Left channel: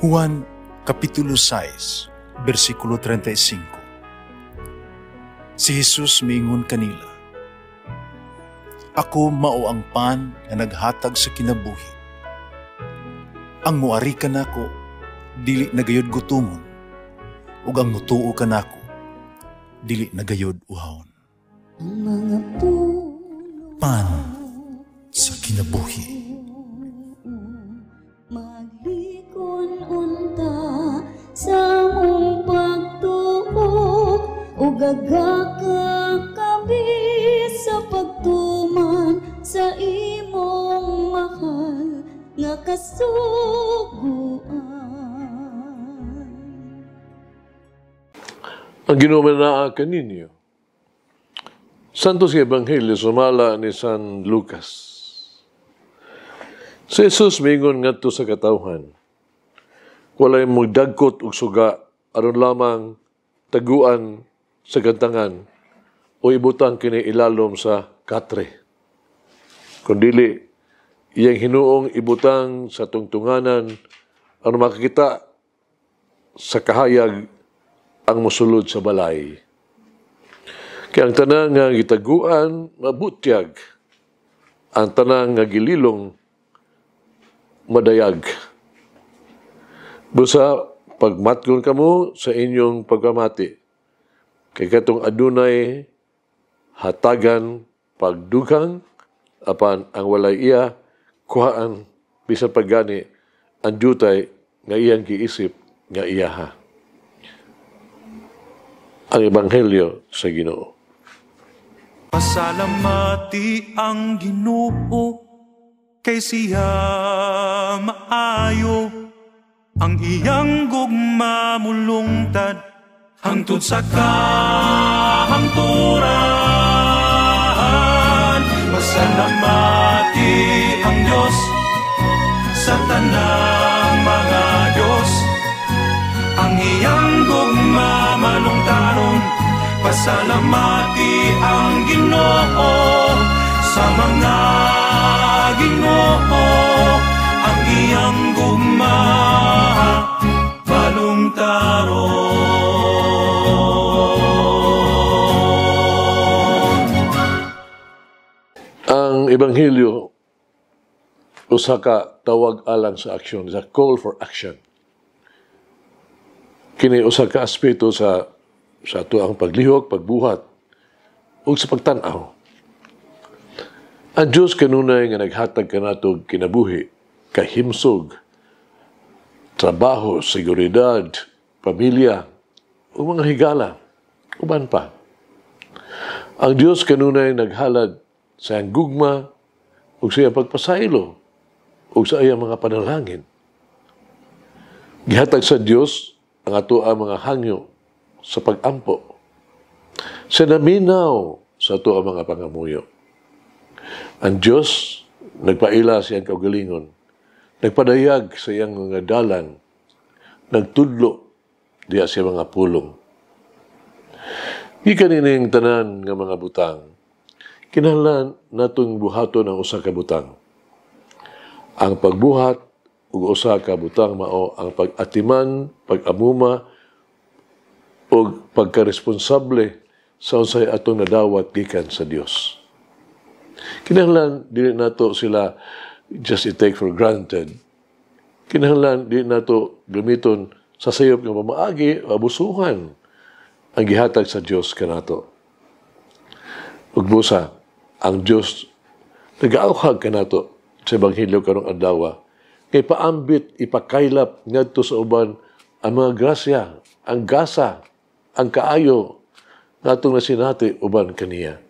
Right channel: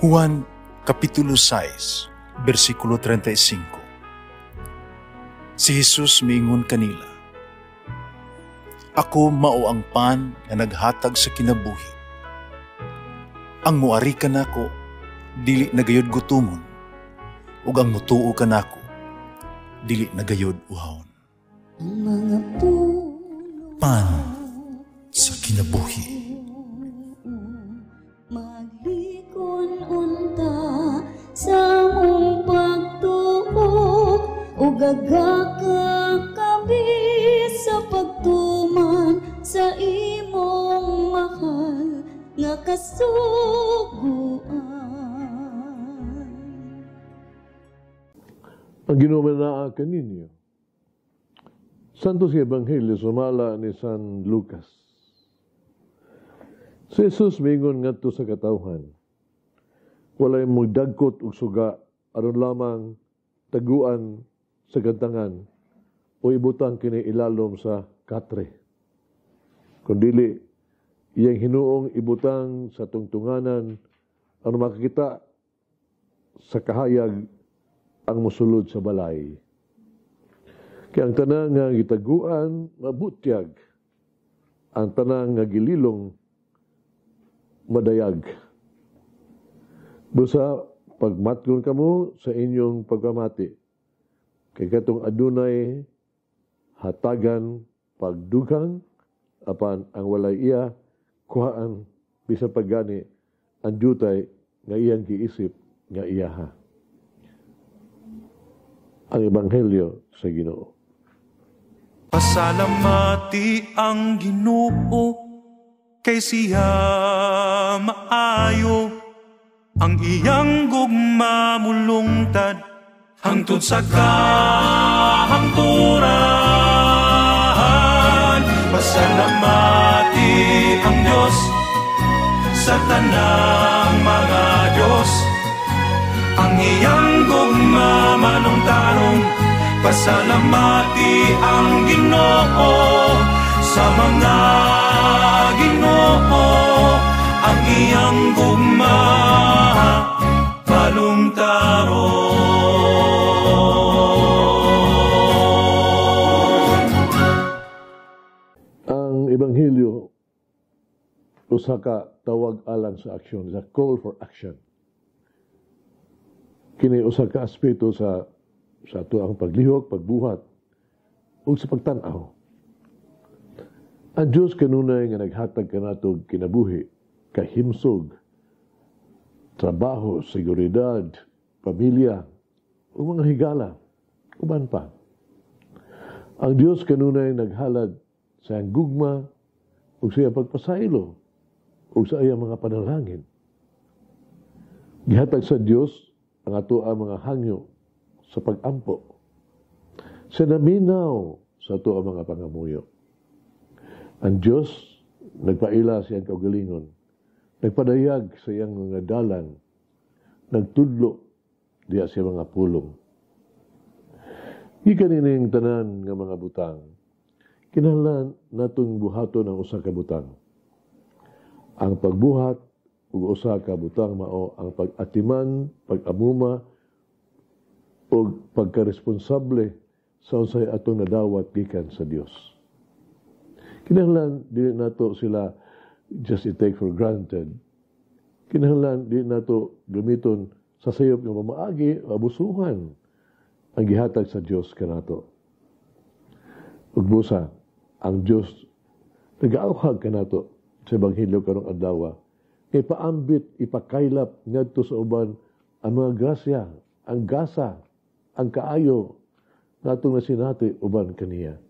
Juan Kapitulo 6, versikulo 35. Si Jesus miingon kanila, "Ako mao ang pan nga naghatag sa kinabuhi. Ang muari kanako dili nagayod gutomon, ug ang mutuo kanako dili nagayod uhawon." Pan sa kinabuhi. Maglikon unta sa mong pagtuo, ug gagaka kabi sa pagtuman sa imong mahal nga kasuguan. Ang ginumanaa kaninyo, Santos Ebanghelyo sumala ni San Lucas. Si Jesus mingon ngadto sa katawhan, walay mong dagkot ug suga aron lamang taguan sa gantangan o ibutang kini ilalom sa katre. Kundili, iyang hinuong ibutang sa tungtunganan aron makakita sa kahayag ang musulod sa balay. Kaya ang tanang nga gitaguan, mabutyag. Ang tanang nga gililong, madayag. Busa, pagmatgon kamo sa inyong pagpamati, kay katong adunay hatagan pagdugang, apan ang walay iya, kuhaan, bisan paggani, ang jutay nga iyang giisip nga iyaha. Ang Ebanghelyo sa Ginoo. Pasalamati ang Ginoo, kay siya maayo, ang iyang gugma mulungtad, hangtod sa kahangturan. Pasalamati ang Diyos sa tanang mga Diyos, ang iyang gugma malungtaron. Pasalamati ang Ginoo sa mga Ginoo, ang iyang gugma balungtaron. Ang Ebanghelyo, usa ka tawag alang sa aksyon, is a call for action. Kini usa ka aspeto sa ato ang paglihok, pagbuhat, ug sa pagtan-aw. Ang Diyos kanunay nga naghatag kanato kinabuhi, kahimsog, trabaho, seguridad, pamilya, o mga higala, uban pa. Ang Diyos kanunay naghalad sa iyang gugma, ug sa iyang pagpasaylo, ug sa iyang mga panalangin. Gihatag sa Diyos ang ato ang mga hangyo sa pag-ampo. Sa naminaw sa ato ang mga pangamuyo. Ang Diyos nagpaila sa iyang kaugalingon, nagpadayag sa iyang mga dalan, nagtudlo diya sa mga pulong. Ikanining tanan nga mga butang, kinahanglan natong buhaton ang usa ka butang. Ang pagbuhat ug usa ka butang mao ang pag-atiman, pag-amuma o pagkaresponsable sa unsay atong nadawat gikan sa Dios. Kinahanglan dili nato sila just i-take for granted. Kinahanglan dili nato gamiton sa sayop nga pamaagi o abusuhan ang gihatag sa Dios kanato. Ug busa, ang Dios nag-auhag kanato sa Ebanghelyo karong adlaw kay paambit ipakaylap ngadto sa uban ang mga grasya, ang gasa, ang kaayo nga itong nasinati uban kaniya.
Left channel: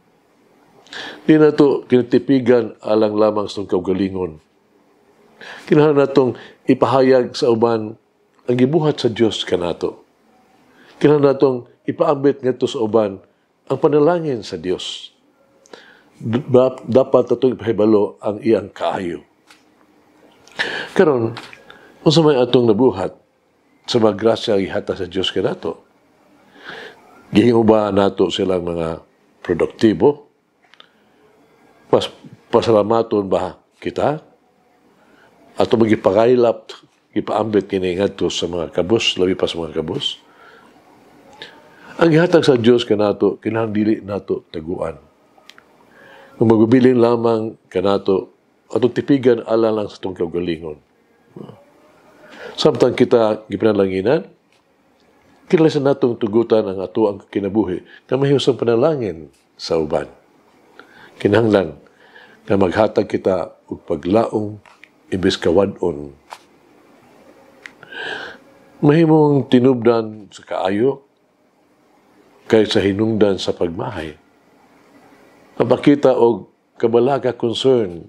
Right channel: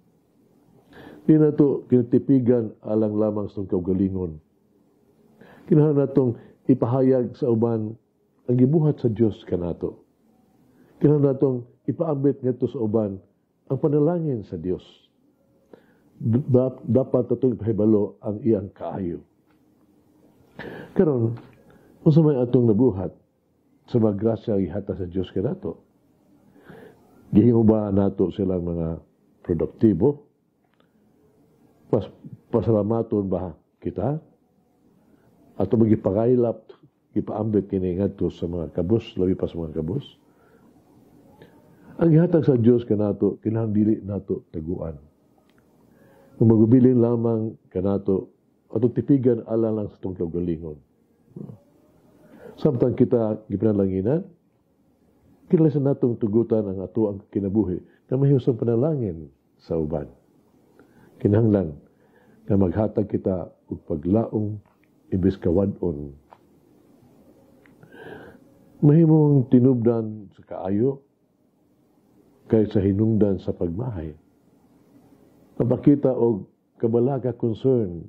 Di na ito kinatipigan alang lamang sa kaugalingon. Kinahanglan natong ipahayag sa uban ang gibuhat sa Dios kanato. Kinahanglan natong ipaambit ngadto sa uban ang panalangin sa Dios. Dapat natong ipahibalo ang iyang kaayo. Karon, unsa may atong nabuhat sa mga grasya ihatag sa Dios kanato? Gihimo ba nato silang mga produktibo? Pasalamaton ba kita? Ato magipakaylap ipaambit kini ngadto sa mga kabus, labi pa sa mga kabus. Ang gihatag sa Dios kanato kinahanglan dili nato taguan. Kung magubilin lamang kanato atong tipigan ala lang sa itong kaugalingon. Samtang kita gipanalanginan, kinahanglan natong tugutan ang ato ang kinabuhi na mahiyos ang panalangin sa uban. Kinahanglan na maghatag kita og paglaong imbes kawadon. Mahimong tinubdan sa kaayo kaysa hinungdan sa pagmahay. Mapakita og kabalaga concern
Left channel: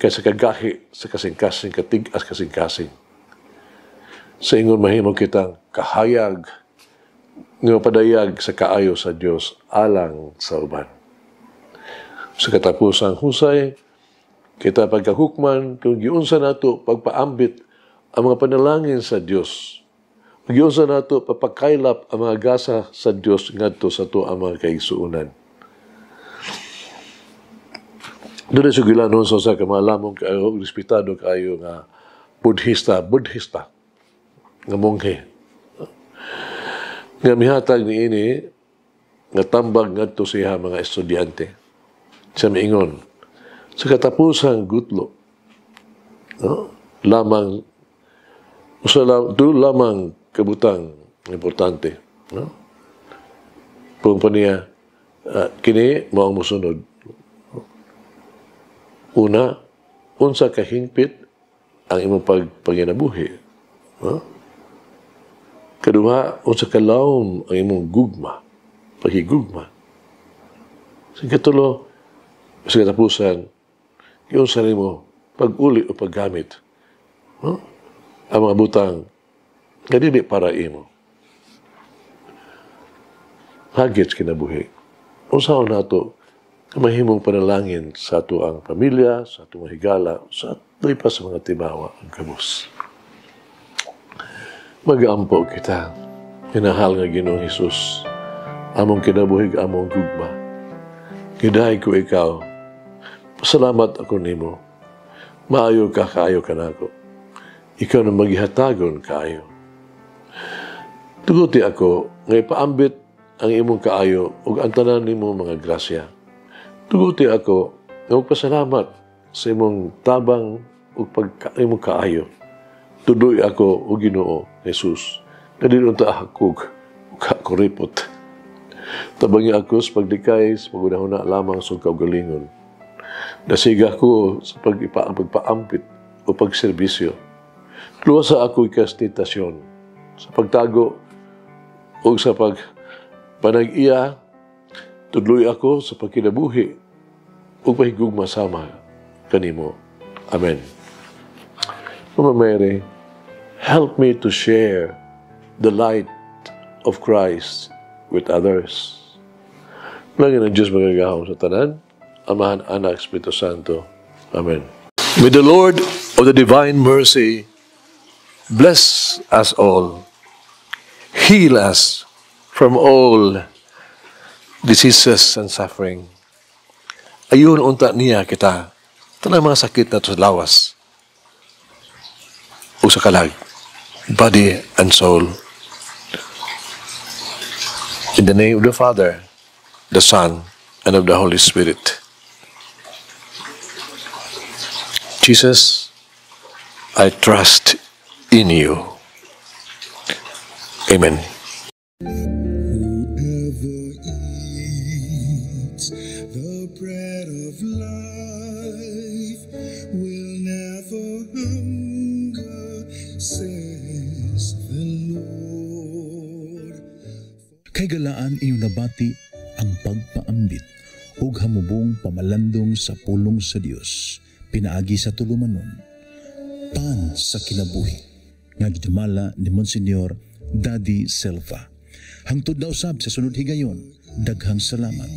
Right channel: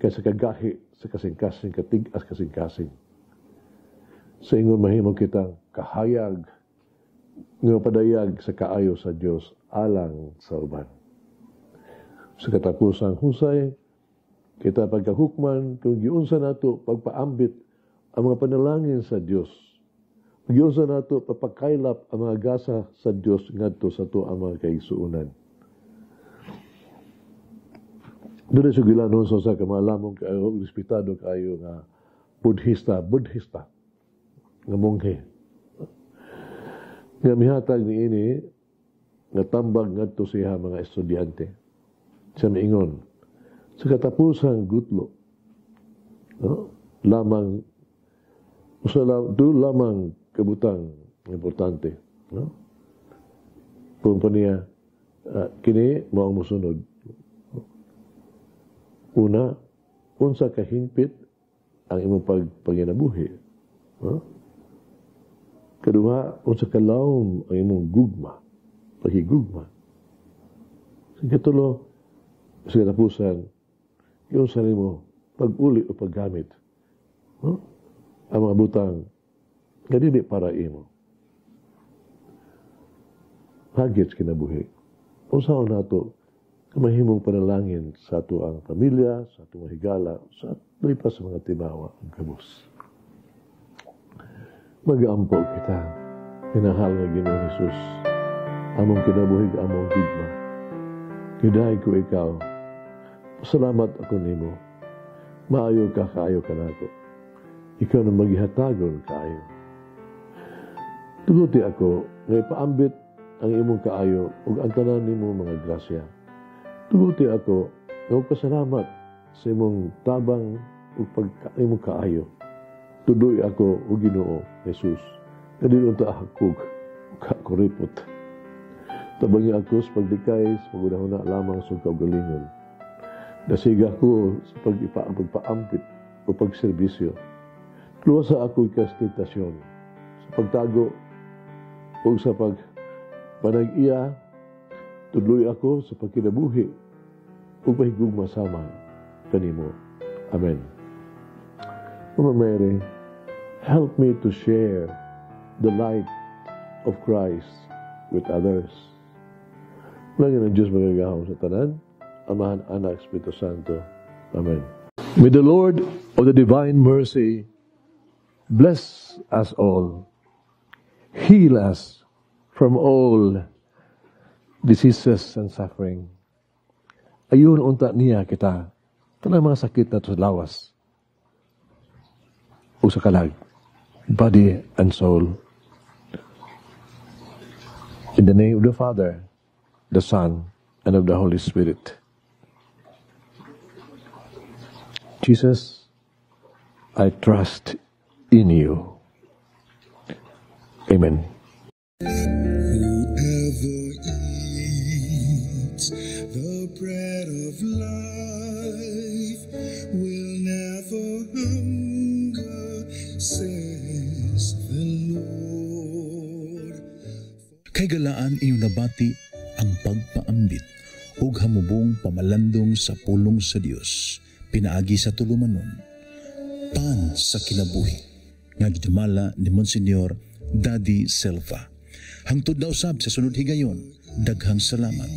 kaysa kagahi sa kasing-kasing, katigas kasing-kasing. Sa ingon mahimong kitang kahayag nga padayag sa kaayo sa Dios alang sa uban. Sa katapusang husay, kita pagkahukman kung giunsa nato pagpaambit ang mga panalangin sa Dios. Giunsa nato papakaylap ang mga gasa sa Dios ngadto sa to ang mga kaigsuonan. Doon ay sugilanon sa ka maalamong kayo, respetado kayo nga Buddhista, nga monghe. Nga mihatag ni ini, nga tambag ngadto siya mga estudyante. Siya miingon, sa katapusang gutlo, no? Doon lamang kabutang importante. No? Kung pa niya, kini mo ang musunod. Una, unsa kahingpit ang imong paginabuhi. No? Kaduha, unsa kalawom ang imong gugma, paghigugma. Sa katulo, sa katapusan, yung sarili mo, pag-uli o paggamit. No? Ang mga butang, nga dili para imo. Hagits kinabuhi. Unsaon nato, mahimong panalangin sa ato ang pamilya, sa ato mga higala, sa ato pa sa mga tibawa ang kabus. Mag-aampo kita, hinahal nga Ginoong Hesus, among kinabuhig, among gugma. Gidahay ko ikaw, pasalamat ako nimo, maayo ka, kaayo ka nako. Ikaw na maghihatagon kaayo. Tuguti ako, nga ipaambit ang imong kaayo ug ang tanan nimo mga grasya. Tuguti ako, nga magpasalamat sa imong tabang ug imong kaayo. Tudoy ako o Ginoo, Jesus, na dinunta hakog ug kakuripot. Tabangi ako sa paglikay, sa pagunahuna lamang sa kaugalingon. Nasiga ko sa pagpaampit o pagserbisyo. Luwasa ako ikastitasyon sa pagtago o sa pagpanag-iya. Tudloy ako sa pagkinabuhi o pahigugma sama kanimo. Amen. Mama Mary, help me to share the light of Christ with others. Lagi ng Diyos magagahong sa tanan, Amahan, Anak, Espiritu Santo. Amen. May the Lord of the divine mercy bless us all, heal us from all diseases and suffering. Ayun unta niya kita, tanang mga sakit na sa lawas o sa kalag, body and soul. In the name of the Father, the Son, and of the Holy Spirit. Jesus, I trust in you. Amen. Whoever eats the bread of life will never hunger, says the Lord. Kay galaan inyong nabati ang pagpaambit ug hamubong pamalandong sa pulong sa Dios pinaagi sa tulumanon. Pan sa kinabuhi nga gidumala ni Monsignor Daddy Silva. Hangtod na usab sa sunod higayon, daghang salamat.